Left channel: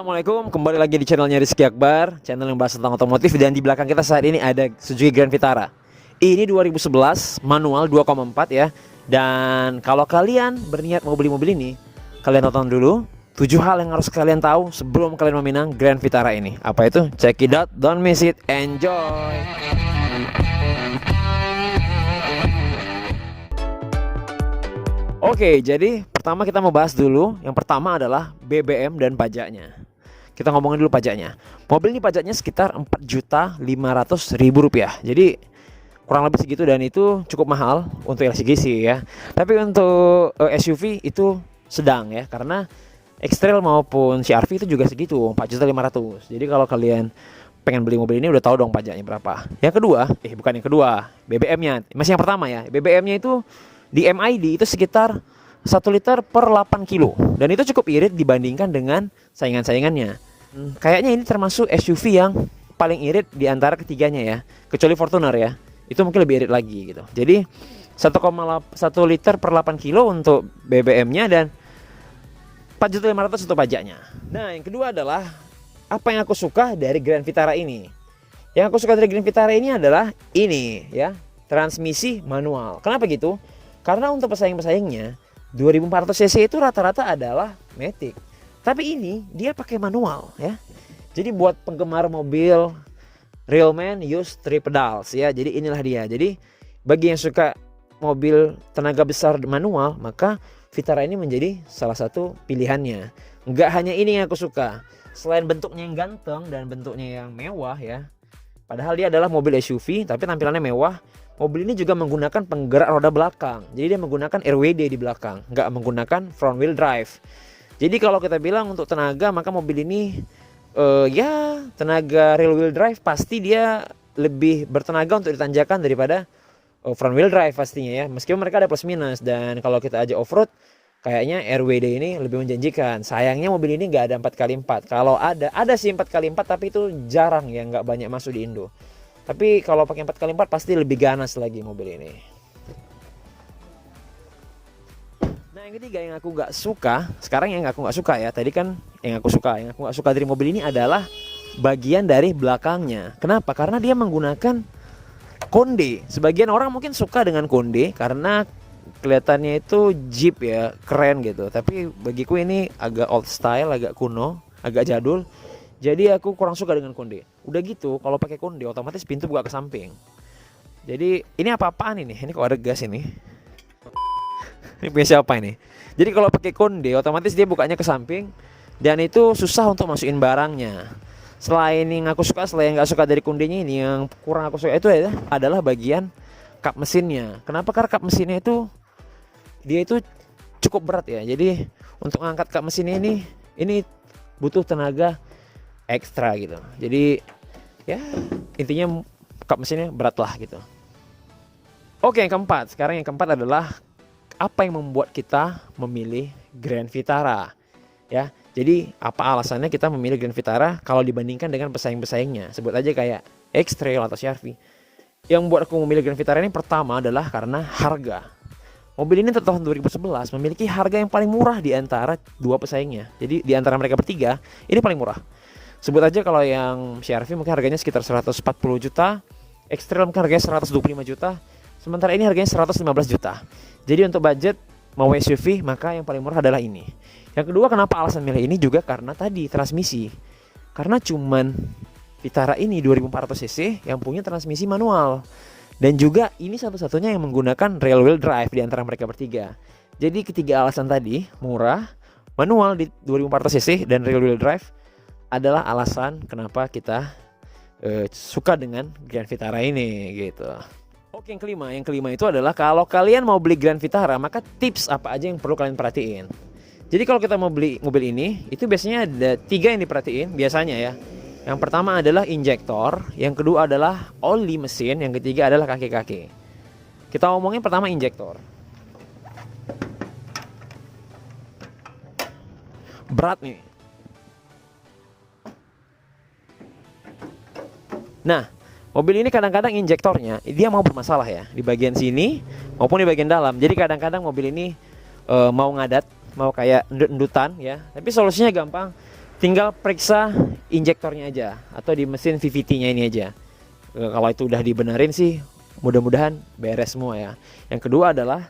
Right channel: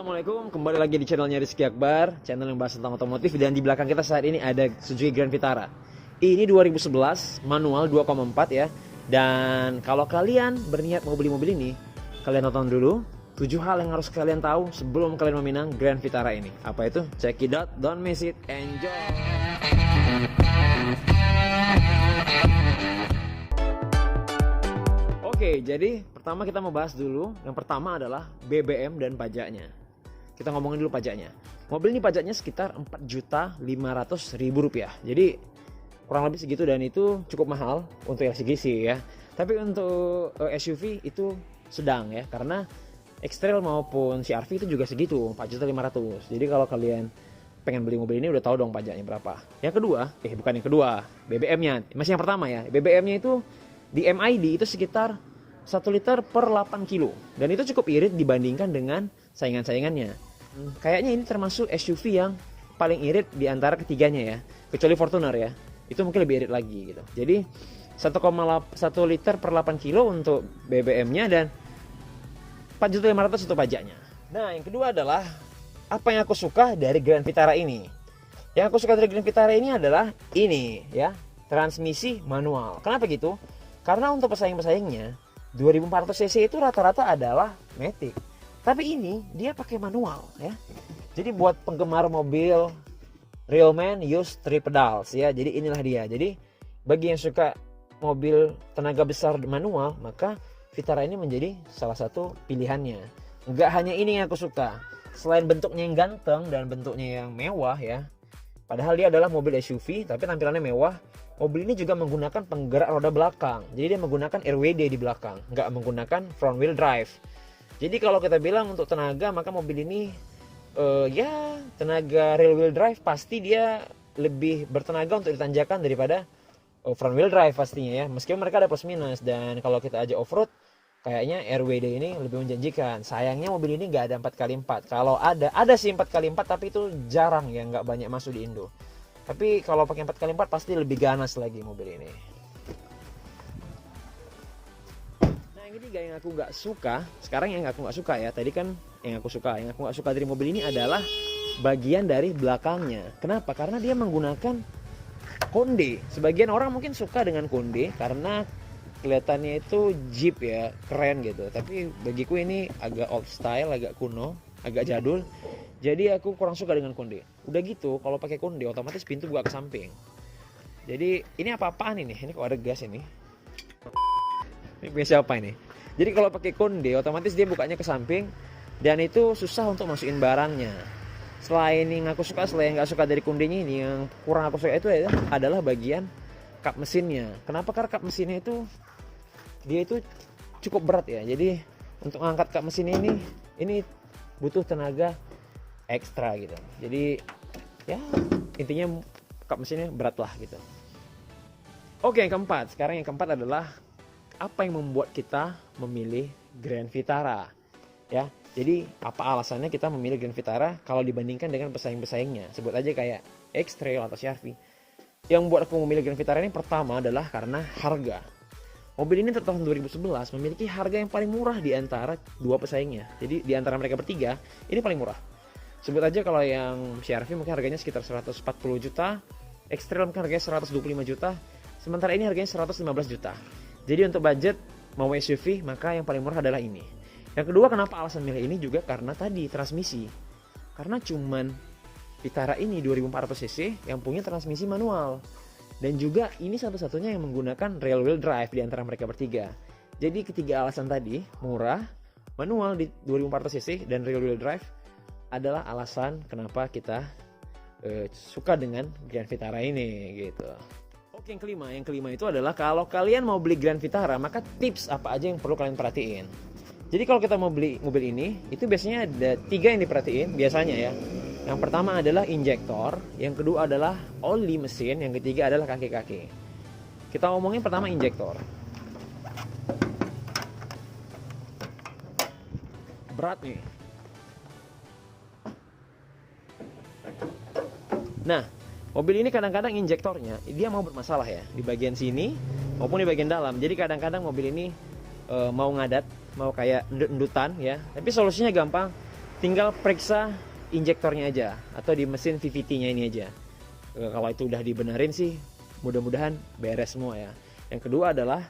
Assalamualaikum, kembali lagi di channelnya Rizky Akbar, channel yang bahas tentang otomotif. Dan di belakang kita saat ini ada Suzuki Grand Vitara. Ini 2011, manual 2,4 ya. Dan kalau kalian berniat mau beli mobil ini, kalian tonton dulu 7 hal yang harus kalian tahu sebelum kalian meminang Grand Vitara ini. Apa itu? Check it out, don't miss it, enjoy. Oke, jadi pertama kita mau bahas dulu. Yang pertama adalah BBM dan pajaknya. Kita ngomongin dulu pajaknya. Mobil ini pajaknya sekitar 4.500.000 rupiah. Jadi kurang lebih segitu, dan itu cukup mahal untuk LCGC ya. Tapi untuk SUV itu sedang ya, karena X-Trail maupun CR-V itu juga segitu, 4.500.000. Jadi kalau kalian pengen beli mobil ini udah tahu dong pajaknya berapa. Yang kedua, bukan yang kedua, BBM-nya. Masih yang pertama ya. BBM-nya itu di MID itu sekitar 1 liter per 8 kilo. Dan itu cukup irit dibandingkan dengan saingan-saingannya. Kayaknya ini termasuk SUV yang paling irit di antara ketiganya ya. Kecuali Fortuner ya. Itu mungkin lebih irit lagi gitu. Jadi 1,1 liter per 8 kilo untuk BBM-nya dan 4.500.000 untuk pajaknya. Nah, yang kedua adalah apa yang aku suka dari Grand Vitara ini. Yang aku suka dari Grand Vitara ini adalah ini ya, transmisi manual. Kenapa gitu? Karena untuk pesaing-pesaingnya 2400 cc itu rata-rata adalah matic. Tapi ini dia pakai manual ya. Jadi buat penggemar mobil real man use 3 pedals ya. Jadi inilah dia. Jadi bagi yang suka mobil tenaga besar manual, maka Vitara ini menjadi salah satu pilihannya. Enggak hanya ini yang aku suka. Selain bentuknya yang ganteng dan bentuknya yang mewah ya. Padahal dia adalah mobil SUV tapi tampilannya mewah. Mobil ini juga menggunakan penggerak roda belakang. Jadi dia menggunakan RWD di belakang, nggak menggunakan front wheel drive. Jadi kalau kita bilang untuk tenaga, maka mobil ini ya tenaga rear wheel drive pasti dia lebih bertenaga untuk ditanjakan daripada front wheel drive pastinya ya. Meskipun mereka ada plus minus, dan kalau kita ajak off-road kayaknya RWD ini lebih menjanjikan. Sayangnya mobil ini nggak ada 4x4. Kalau ada sih 4x4, tapi itu jarang ya, nggak banyak masuk di Indo. Tapi kalau pakai 4x4 pasti lebih ganas lagi mobil ini. Nah, yang ketiga yang aku nggak suka, sekarang yang aku nggak suka ya. Tadi kan yang aku nggak suka dari mobil ini adalah bagian dari belakangnya. Kenapa? Karena dia menggunakan konde. Sebagian orang mungkin suka dengan konde karena kelihatannya itu Jeep ya, keren gitu. Tapi bagiku ini agak old style, agak kuno, agak jadul. Jadi aku kurang suka dengan konde. Udah gitu, kalau pakai konde otomatis pintu buka ke samping. Jadi ini apa-apaan ini? Ini kok ada gas ini? Ini punya siapa ini? Jadi kalau pakai konde otomatis dia bukanya ke samping, dan itu susah untuk masukin barangnya. Selain yang aku suka, selain nggak suka dari kondenya ini, yang kurang aku suka itu adalah bagian kap mesinnya. Kenapa? Karena kap mesinnya itu dia itu cukup berat ya. Jadi untuk mengangkat kap mesin ini butuh tenaga ekstra gitu. Jadi ya intinya kap mesinnya berat lah gitu. Oke, yang keempat. Sekarang yang keempat adalah apa yang membuat kita memilih Grand Vitara ya. Jadi apa alasannya kita memilih Grand Vitara kalau dibandingkan dengan pesaing-pesaingnya? Sebut aja kayak X-Trail atau CR-V. Yang membuat aku memilih Grand Vitara ini pertama adalah karena harga. Mobil ini tahun 2011 memiliki harga yang paling murah di antara dua pesaingnya. Jadi di antara mereka bertiga ini paling murah. Sebut aja kalau yang CR-V mungkin harganya sekitar 140 juta, X-Trail mungkin harganya 125 juta, sementara ini harganya 115 juta. Jadi untuk budget mau SUV, maka yang paling murah adalah ini. Yang kedua, kenapa alasan milih ini juga karena tadi transmisi. Karena cuman Vitara ini 2400 cc yang punya transmisi manual. Dan juga ini satu-satunya yang menggunakan rear wheel drive di antara mereka bertiga. Jadi ketiga alasan tadi, murah, manual di 2400 cc dan rear wheel drive, adalah alasan kenapa kita suka dengan Grand Vitara ini gitu. Oke, yang kelima itu adalah kalau kalian mau beli Grand Vitara, maka tips apa aja yang perlu kalian perhatiin. Jadi kalau kita mau beli mobil ini, itu biasanya ada 3 yang diperhatiin biasanya ya. Yang pertama adalah injektor, yang kedua adalah oli mesin, yang ketiga adalah kaki-kaki. Kita ngomongin pertama injektor. Berat nih. Nah, mobil ini kadang-kadang injektornya dia mau bermasalah ya, di bagian sini maupun di bagian dalam. Jadi kadang-kadang mobil ini mau ngadat, mau kayak endut-endutan ya. Tapi solusinya gampang. tinggal periksa injektornya aja atau di mesin VVT-nya ini aja. Kalau itu udah dibenerin sih mudah-mudahan beres semua ya. Yang kedua adalah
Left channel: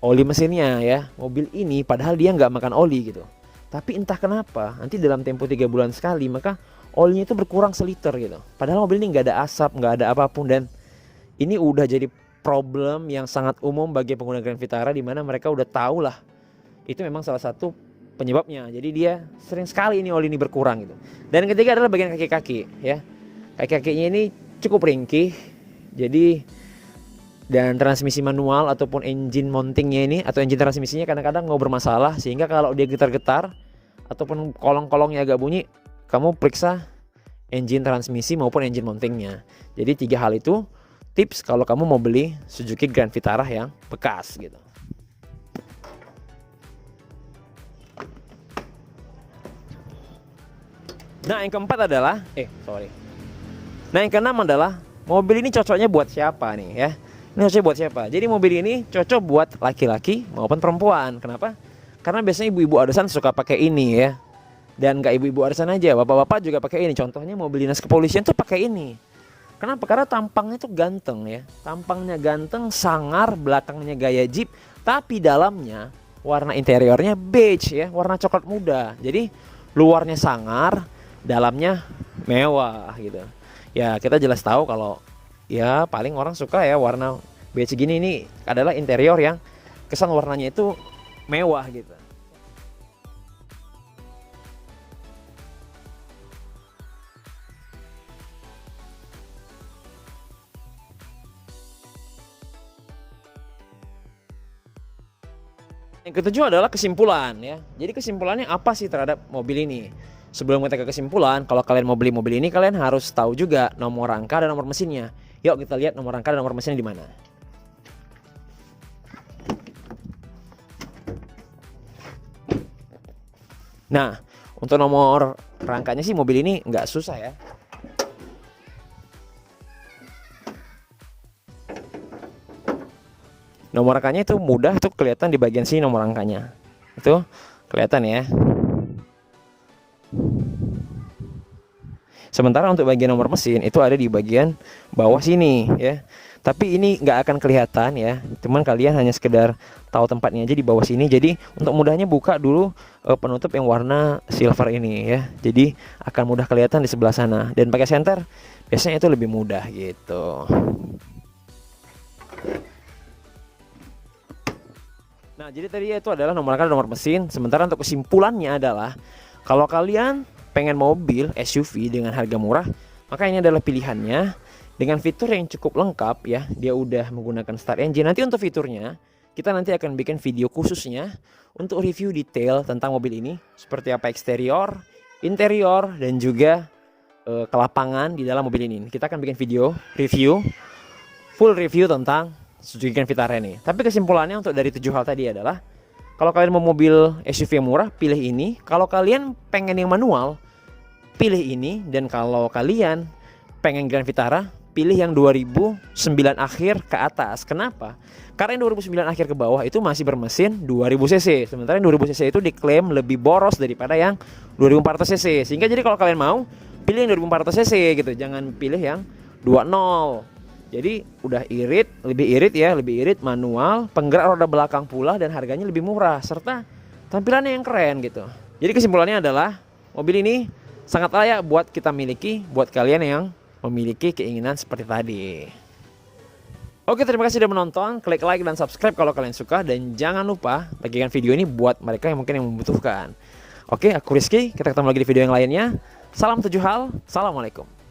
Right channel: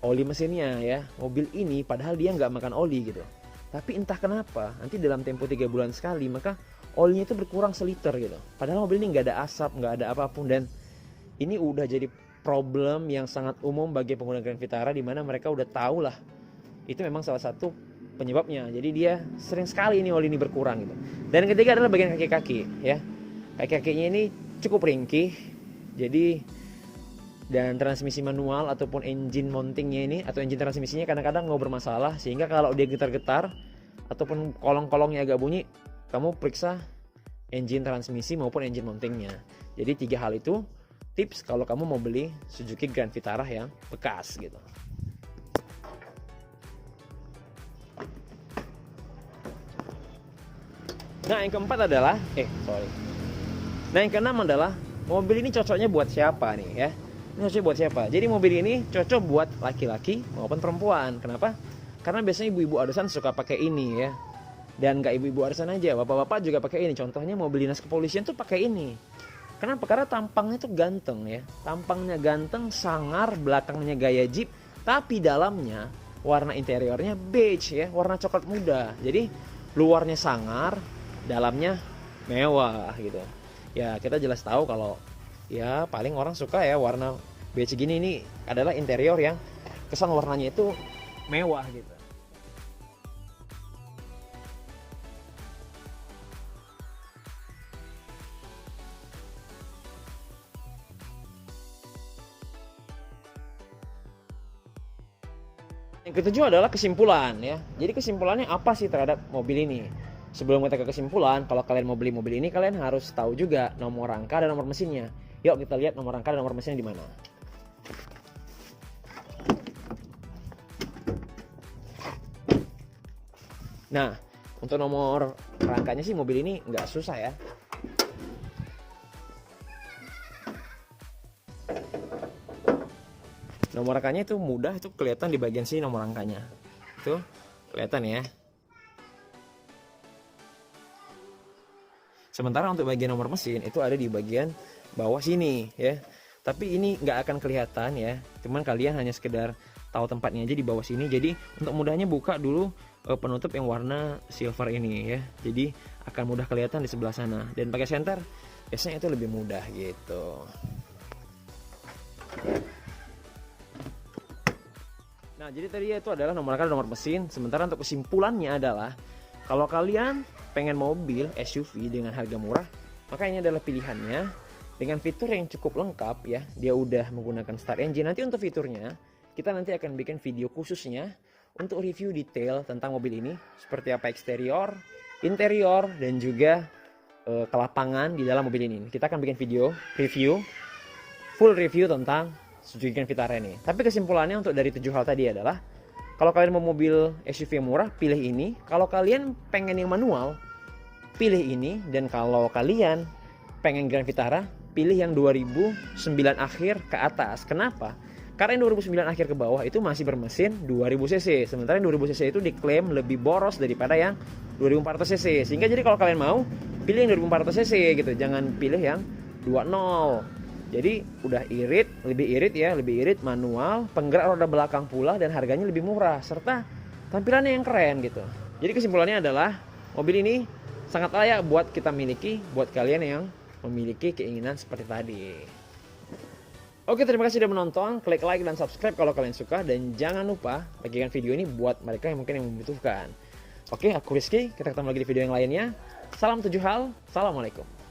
oli mesinnya ya. Mobil ini padahal dia nggak makan oli gitu, tapi entah kenapa nanti dalam tempo 3 bulan sekali maka olinya itu berkurang seliter gitu. Padahal mobil ini nggak ada asap, nggak ada apapun, dan ini udah jadi problem yang sangat umum bagi pengguna Grand Vitara, di mana mereka udah tahu lah itu memang salah satu penyebabnya. Jadi dia sering sekali ini oli ini berkurang gitu. Dan ketiga adalah bagian kaki-kaki ya. Kaki-kakinya ini cukup ringkih. Jadi dan transmisi manual ataupun engine mountingnya ini atau engine transmisinya kadang-kadang nggak bermasalah, sehingga kalau dia getar-getar ataupun kolong-kolongnya agak bunyi, kamu periksa engine transmisi maupun engine mountingnya. Jadi 3 hal itu tips kalau kamu mau beli Suzuki Grand Vitara yang bekas gitu. Nah yang keempat adalah Nah yang keenam adalah mobil ini cocoknya buat siapa nih ya. Ini cocoknya buat siapa? Jadi mobil ini cocok buat laki-laki maupun perempuan. Kenapa? Karena biasanya ibu-ibu arisan suka pakai ini ya. Dan gak ibu-ibu arisan aja, bapak-bapak juga pakai ini. Contohnya mobil dinas kepolisian tuh pakai ini. Kenapa? Karena tampangnya tuh ganteng ya. Tampangnya ganteng, sangar, belakangnya gaya Jeep, tapi dalamnya warna interiornya beige ya, warna coklat muda. Jadi luarnya sangar, dalamnya mewah gitu. Ya kita jelas tahu kalau ya paling orang suka ya warna beige gini, ini adalah interior yang kesan warnanya itu mewah gitu. Yang ketujuh adalah kesimpulan ya. Jadi kesimpulannya apa sih terhadap mobil ini? Sebelum kita ke kesimpulan, kalau kalian mau beli mobil ini, kalian harus tahu juga nomor rangka dan nomor mesinnya. Yuk kita lihat nomor rangka dan nomor mesinnya di mana. Nah, untuk nomor rangkanya sih mobil ini nggak susah ya. Nomor rangkanya itu mudah tuh, kelihatan di bagian sini nomor rangkanya. Itu kelihatan ya. Sementara untuk bagian nomor mesin itu ada di bagian bawah sini ya. Tapi ini nggak akan kelihatan ya. Cuman kalian hanya sekedar tahu tempatnya aja di bawah sini. Jadi untuk mudahnya buka dulu penutup yang warna silver ini ya. Jadi akan mudah kelihatan di sebelah sana. Dan pakai senter biasanya itu lebih mudah gitu. Nah jadi tadi itu adalah nomor rangka dan nomor mesin. Sementara untuk kesimpulannya adalah kalau kalian pengen mobil SUV dengan harga murah, maka ini adalah pilihannya dengan fitur yang cukup lengkap ya. Dia udah menggunakan start engine. Nanti untuk fiturnya kita nanti akan bikin video khususnya untuk review detail tentang mobil ini, seperti apa eksterior, interior, dan juga kelapangan di dalam mobil ini. Kita akan bikin video review, full review tentang Suzuki Grand Vitara ini. Tapi kesimpulannya untuk dari 7 hal tadi adalah kalau kalian mau mobil SUV yang murah, pilih ini. Kalau kalian pengen yang manual, pilih ini. Dan kalau kalian pengen Grand Vitara, pilih yang 2009 akhir ke atas. Kenapa? Karena yang 2009 akhir ke bawah itu masih bermesin 2000 cc. Sementara yang 2000 cc itu diklaim lebih boros daripada yang 2400 cc. Sehingga jadi kalau kalian mau, pilih yang 2400 cc gitu. Jangan pilih yang 20. Jadi udah irit, lebih irit manual, penggerak roda belakang pula, dan harganya lebih murah serta tampilannya yang keren gitu. Jadi kesimpulannya adalah mobil ini sangat layak buat kita miliki, buat kalian yang memiliki keinginan seperti tadi. Oke, terima kasih sudah menonton. Klik like dan subscribe kalau kalian suka, dan jangan lupa bagikan video ini buat mereka yang mungkin yang membutuhkan. Oke, aku Rizky, kita ketemu lagi di video yang lainnya. Salam 7 hal, assalamualaikum.